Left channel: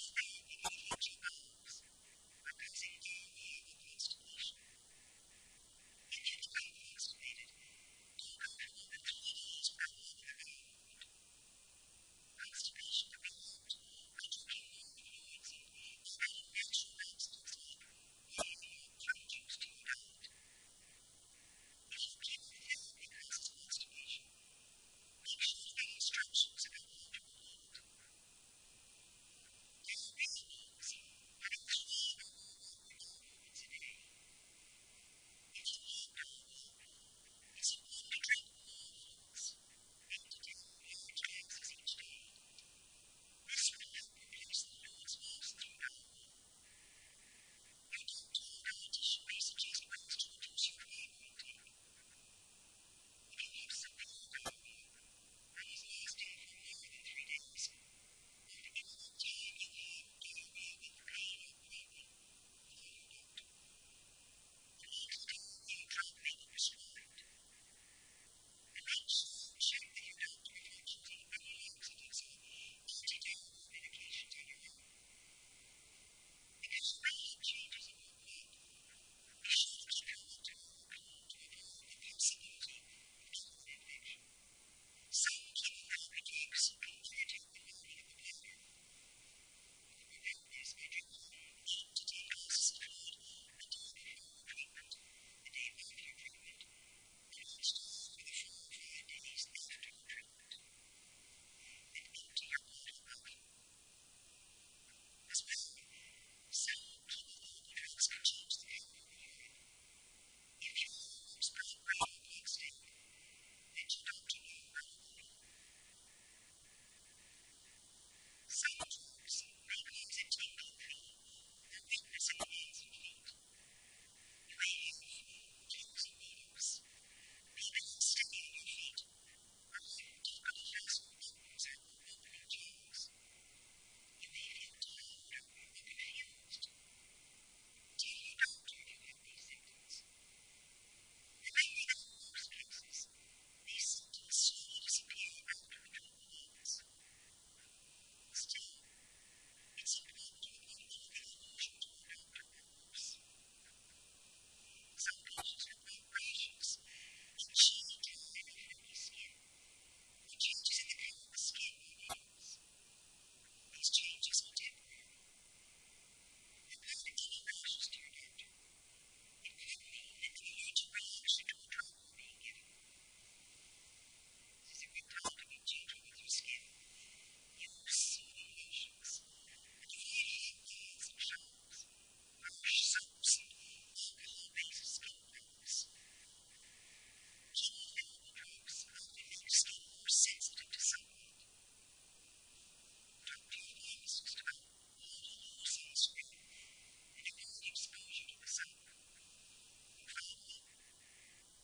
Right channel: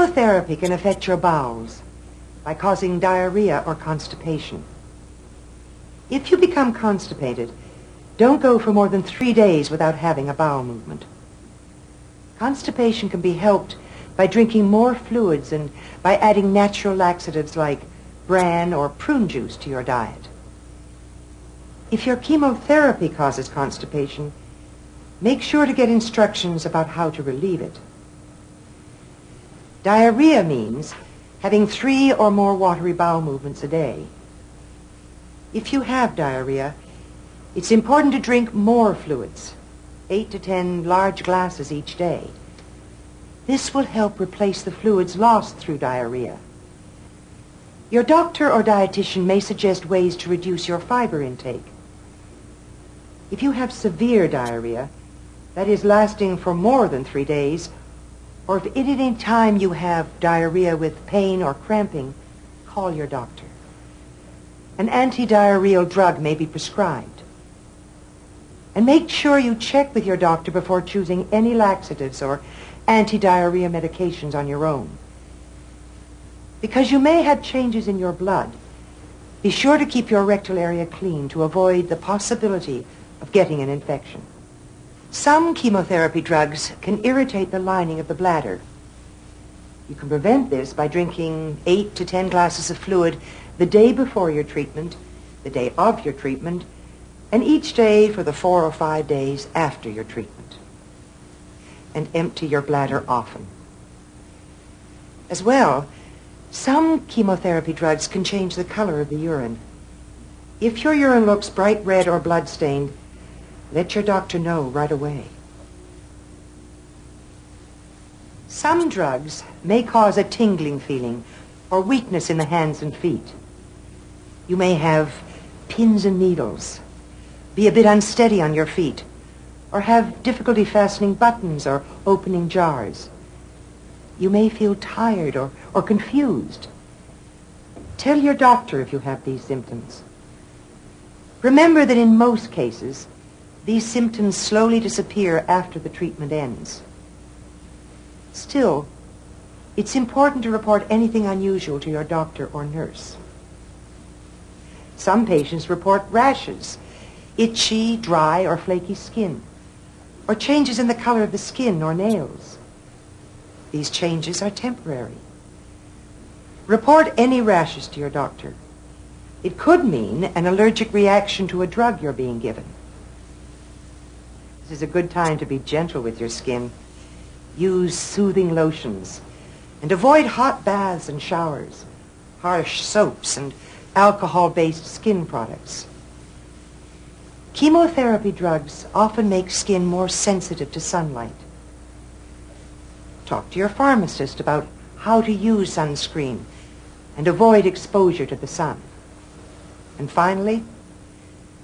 Chemotherapy can affect your bowels by causing diarrhea or constipation. If you become constipated, don't go for more than 3 days without having a bowel movement. Constipation can be helped by drinking more fluids and by adding natural laxatives like bran or prune juice to your diet. If your chemotherapy causes constipation, make sure to get instructions about how to relieve it. Diarrhea means having 3 or more watery bowel movements a day. If you have diarrhea, it's important to drink more fluids, 8 to 10 large glasses each day. This will help replace the fluids lost through diarrhea. Your doctor or dietitian may suggest ways to reduce your fiber intake. If you have severe diarrhea, that is lasting for more than 3 days, or if at any time you have diarrhea with pain or cramping, call your doctor. An anti-diarrheal drug may be prescribed. And make sure you check with your doctor before choosing any laxatives or anti-diarrhea medications on your own. Because you may have changes in your blood, be sure to keep your rectal area clean to avoid the possibility of getting an infection. Some chemotherapy drugs can irritate the lining of the bladder. You can prevent this by drinking 8 to 10 glasses of fluid the day before your treatment, the day of your treatment, and each day for the 4 or 5 days after your treatment. And empty your bladder often. As well, some chemotherapy drugs can change the color of the urine. If your urine looks bright red or blood-stained, let your doctor know right away. Some drugs may cause a tingling feeling or weakness in the hands and feet. You may have pins and needles, be a bit unsteady on your feet, or have difficulty fastening buttons or opening jars. You may feel tired or confused. Tell your doctor if you have these symptoms. Remember that in most cases, these symptoms slowly disappear after the treatment ends. Still, it's important to report anything unusual to your doctor or nurse. Some patients report rashes, itchy, dry, or flaky skin, or changes in the color of the skin or nails. These changes are temporary. Report any rashes to your doctor. It could mean an allergic reaction to a drug you're being given. This is a good time to be gentle with your skin. Use soothing lotions and avoid hot baths and showers, harsh soaps, and alcohol-based skin products. Chemotherapy drugs often make skin more sensitive to sunlight. Talk to your pharmacist about how to use sunscreen and avoid exposure to the sun. And finally,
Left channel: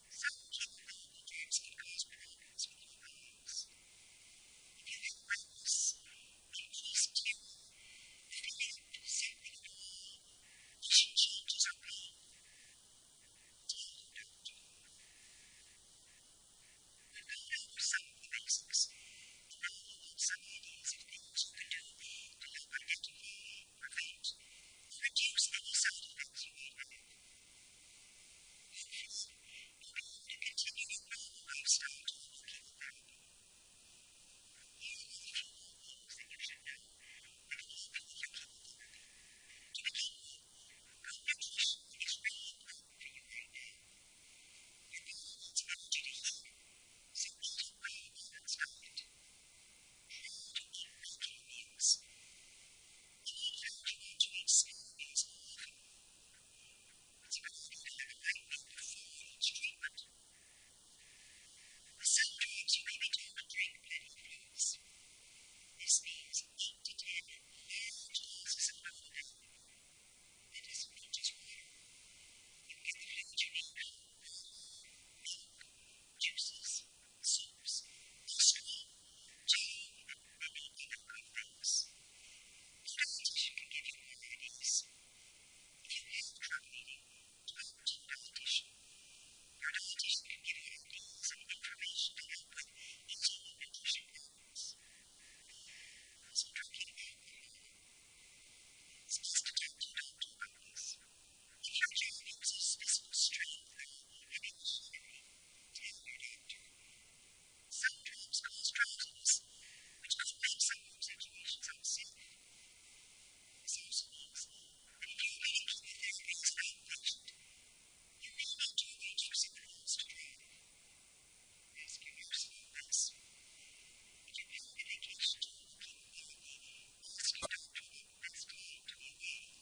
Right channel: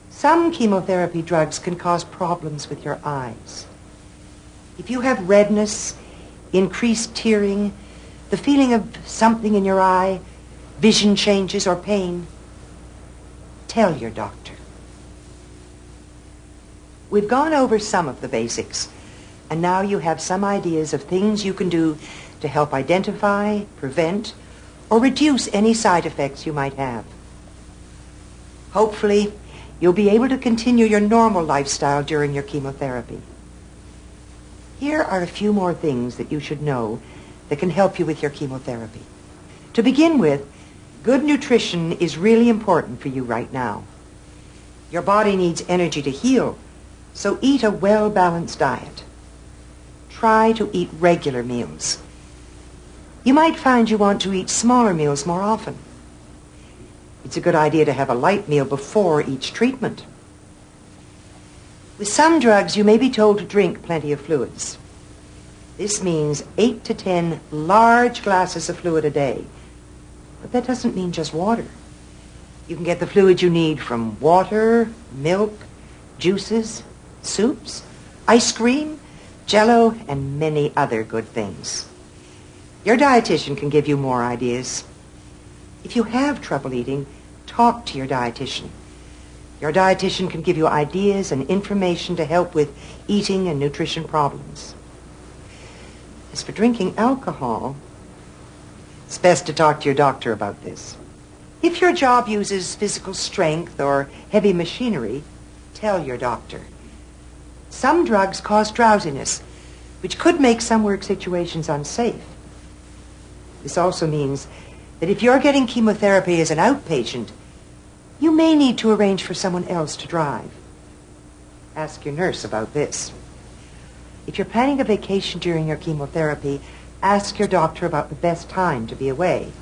some chemotherapy drugs can cause problems with your eyes. If you have redness, increased tearing, the feeling of something in your eye, vision changes, or pain, tell your doctor. We've gone over some of the basics, and now you have some ideas of things you can do to help identify, prevent, or reduce any side effects you might have. Hopefully, you'll be able to continue your normal lifestyle during your chemotherapy. Here are a few more things that you should know that can help you with your chemotherapy. To begin with, good nutrition is really important for you right now. Your body needs energy to heal, so eat a well-balanced diet. Try to eat regular meals. You might find you want to eat smaller meals more often. It's a good idea to have a light meal before each treatment. With some drugs, you may be told to drink plenty of fluids. This means 8 to 10 large glasses of fluid a day. But that doesn't mean just water. You can get the fluid you need from water, milk, juices, soups, ice cream, Jell-O, and many other good things. Your dietitian can give you more ideas. If you have trouble eating, talk to your dietitian. Your dietitian can give you ideas and information to help with eating and nutrition problems. As for drinking alcohol, It's best to talk to your doctor about this. If your job uses physical strength or heavy machinery, tell your doctor. Some drugs cause drowsiness, which could make some work situations unsafe. This also means that if you're getting chemotherapy as an outpatient, you may need to arrange for someone else to drive. Ask your nurse about this. If you're planning a vacation during your chemotherapy, ask your doctor about the best time to be away.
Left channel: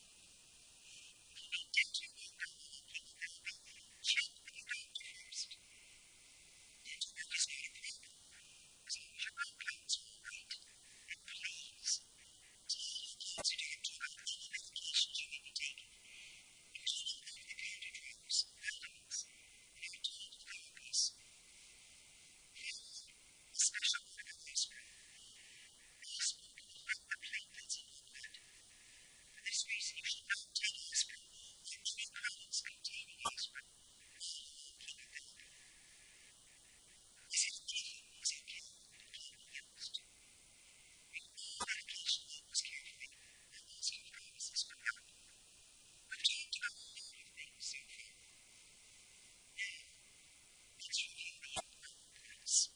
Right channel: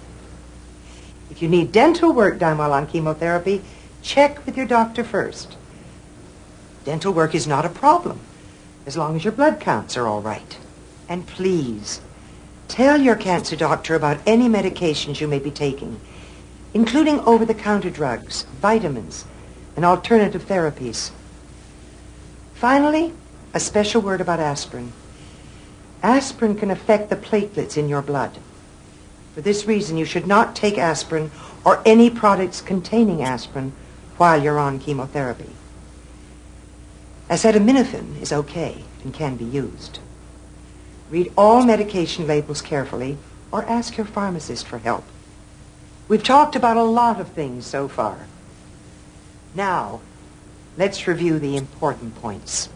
If you need dental work done while on chemotherapy, check with your doctor first. Dental work is not a problem, as long as your blood counts are all right. And please, tell your cancer doctor about any medications you may be taking, including over-the-counter drugs, vitamins, and alternative therapies. Finally, a special word about aspirin. Aspirin can affect the platelets in your blood. For this reason, you should not take aspirin or any products containing aspirin while you're on chemotherapy. Acetaminophen is okay and can be used. Read all medication labels carefully or ask your pharmacist for help. We've talked about a lot of things so far. Now, let's review the important points.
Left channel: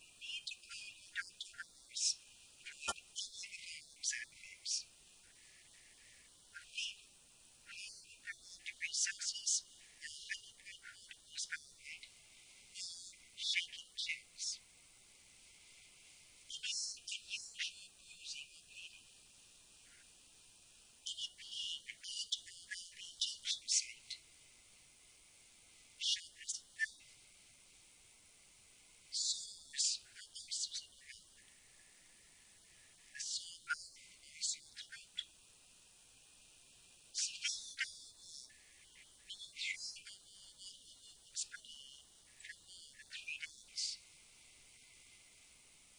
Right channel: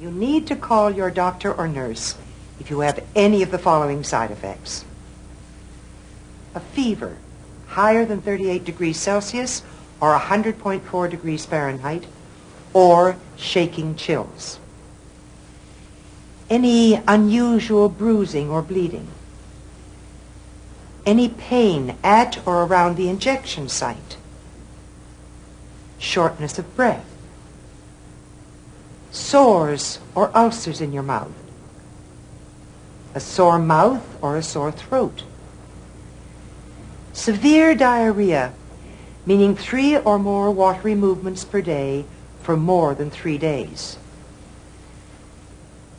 You need to call your doctor or nurse if you have any of the following side effects. A fever higher than 38 degrees Celsius or 100.4 degrees Fahrenheit, or shaking chills. Any unusual bruising or bleeding. Any pain at or around the injection site. Shortness of breath. Sores or ulcers in your mouth. A sore mouth or a sore throat. Severe diarrhea, meaning 3 or more watery movements per day for more than 3 days.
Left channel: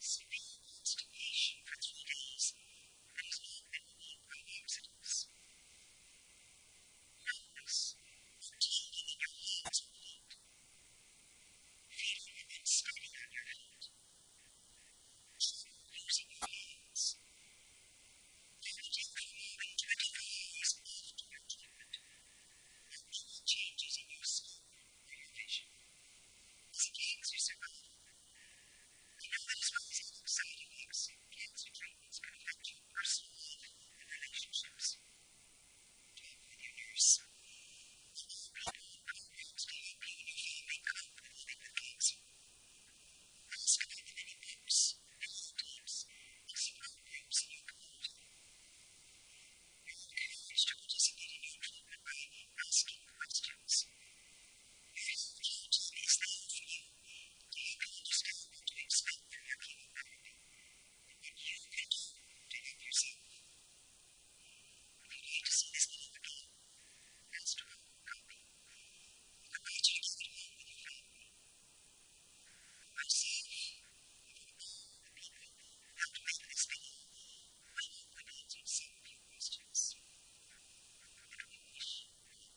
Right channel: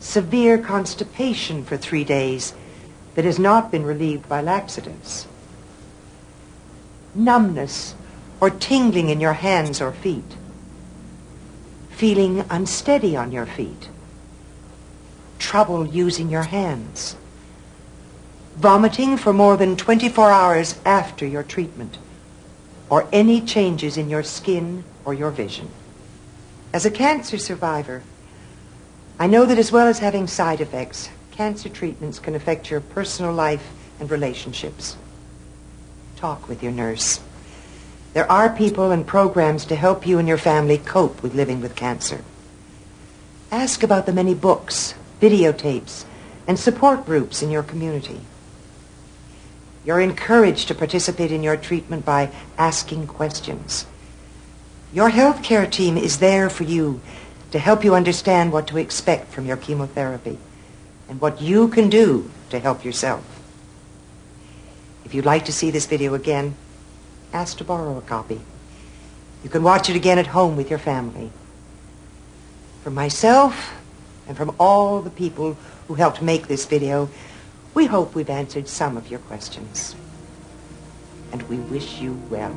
Severe constipation for 3 days that has not been relieved by laxatives. Numbness or tingling in your hands or feet. Feeling unsteady on your feet. Trouble using your hands. Vomiting for more than 24 hours after your treatment, or any changes in your skin or your vision. As a cancer survivor, I know that as well as having side effects, cancer treatments can affect your personal life and relationships. Talk with your nurse. There are people and programs to help you and your family cope with living with cancer. Ask about the many books, videotapes, and support groups in your community. You're encouraged to participate in your treatment by asking questions. Your healthcare team is there for you to help you understand what to expect from your chemotherapy and what you can do to help yourself. If you'd like to see this video again, ask to borrow a copy. You can watch it again at home with your family. From myself and from all the people who helped make this video, we hope we've answered some of your questions. And we wish you well.